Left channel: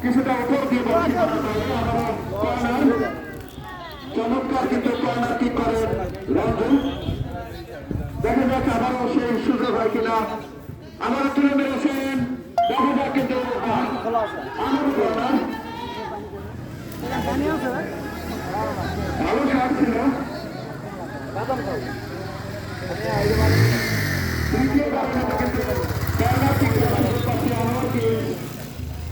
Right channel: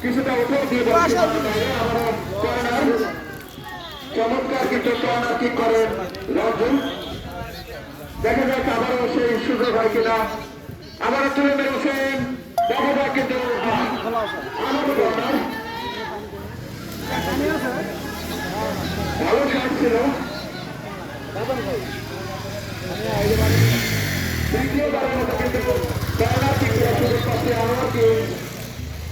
কিছুটা উঠেও দিয়ে চমৎকার কিন্তু কর্ণাটি করেন রঞ্জন দেখা যাক আবারও সেই সুযোগ হয় কিনা। আবার তুলে ধরেছেন দেখা যাক কিন্তু ভালো ছাড় ছিল দ্বিতীয় বাকি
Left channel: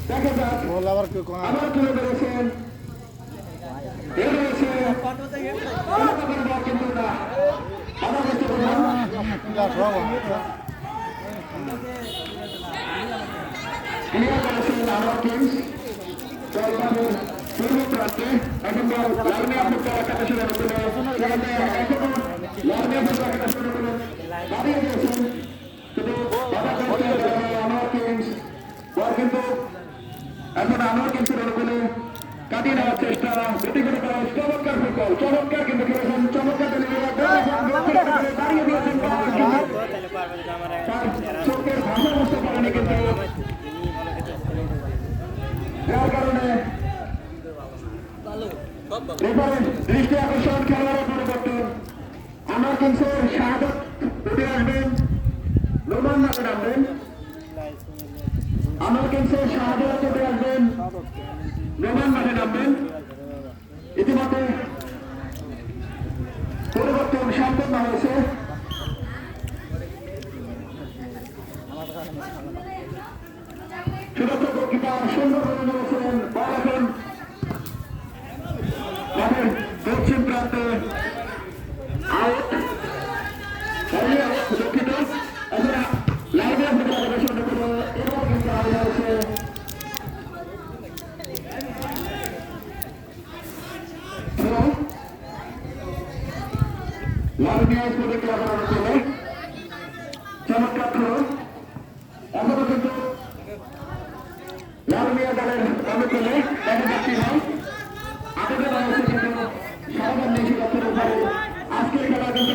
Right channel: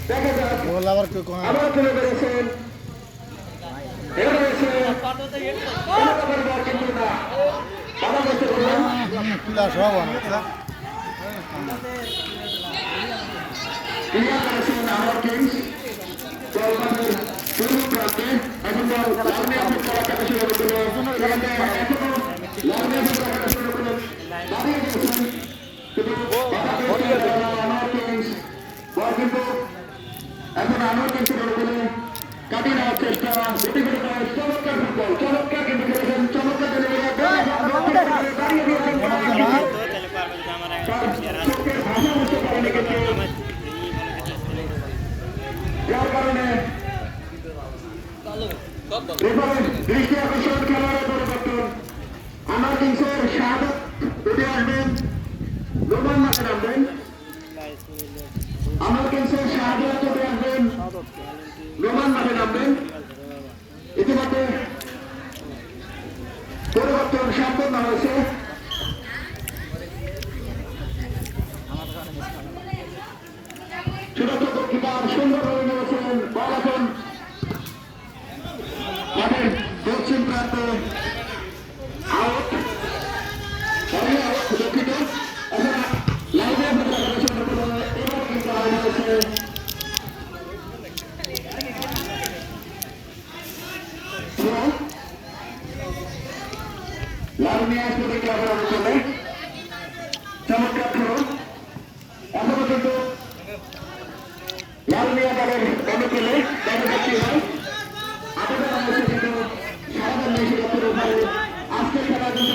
দেখা যাক আবার চলে বেড়েছেন এখন লাইনে আপনি করা কাজ সেখানে বিশ্ব মিশন খেলার পরিবর্তন। আমরা কিন্তু সাহায্য আর্মিয়ার প্রতিক্রিয়া করার জন্য চমৎকার খেলুন এখনও কিন্তু লালমিয়া দলের অনুকূলে আজকের খেলা কিন্তু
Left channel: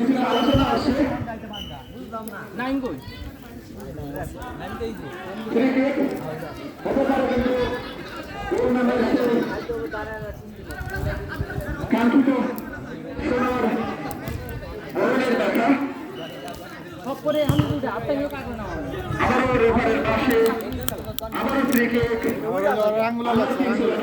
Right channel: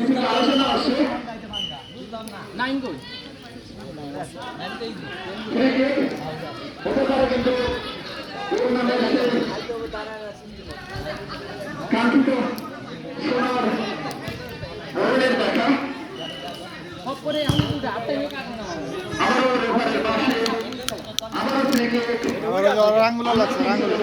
বিভিন্ন আলোচনা আছে। হতে পারে কিন্তু টুর্নামেন্ট কাঙ্ক্ষিত সোনার বরণের দেখা আবারও রেফারের পাশে, আবারও ক্রিকেট রাঙ্গুলাল আছে। রাঙ্গুলাল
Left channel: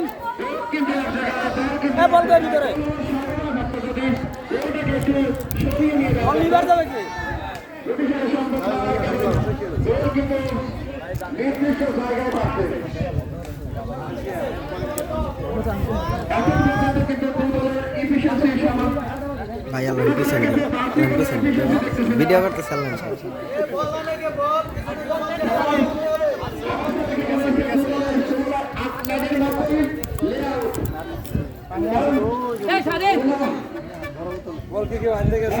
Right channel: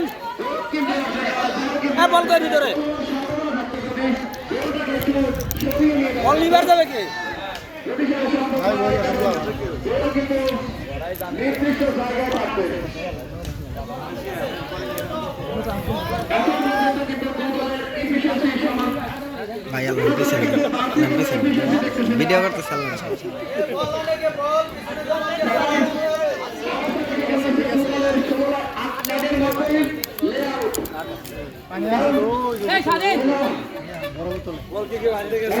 দেন হ্যাঁ, বল করে ভিতরে। বল লিভার যাবে কি? ভাই আল্লাহ পিছনে ভিডিও করতে চালান। এই সাদিন বল কি কি আনতে গেছে?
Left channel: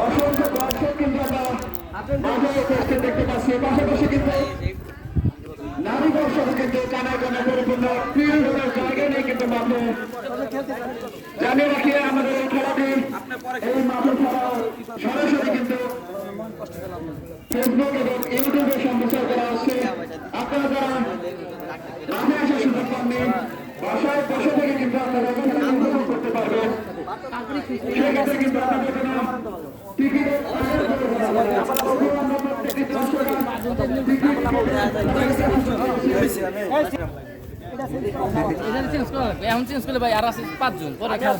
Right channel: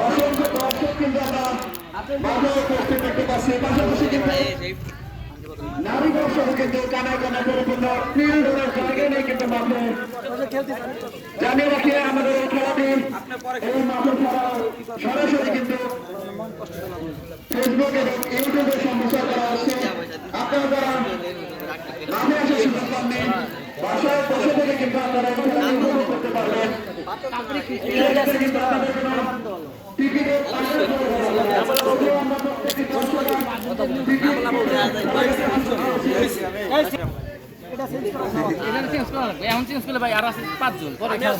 অসংখ্য দর্শক কিন্তু আমরা মাথায় করতে দেখতে পাচ্ছি পাশাপাশি কিন্তু নারী দর্শক কিন্তু কানা কানা পরিপূর্ণ তিন ধরনের জায়গায় নিয়ে কিন্তু মাঠে জানে রাখি আমাদের এই খেলাটি এই মাঠে ছাড়াও সরাসরি কিন্তু ফেসবুক রাখা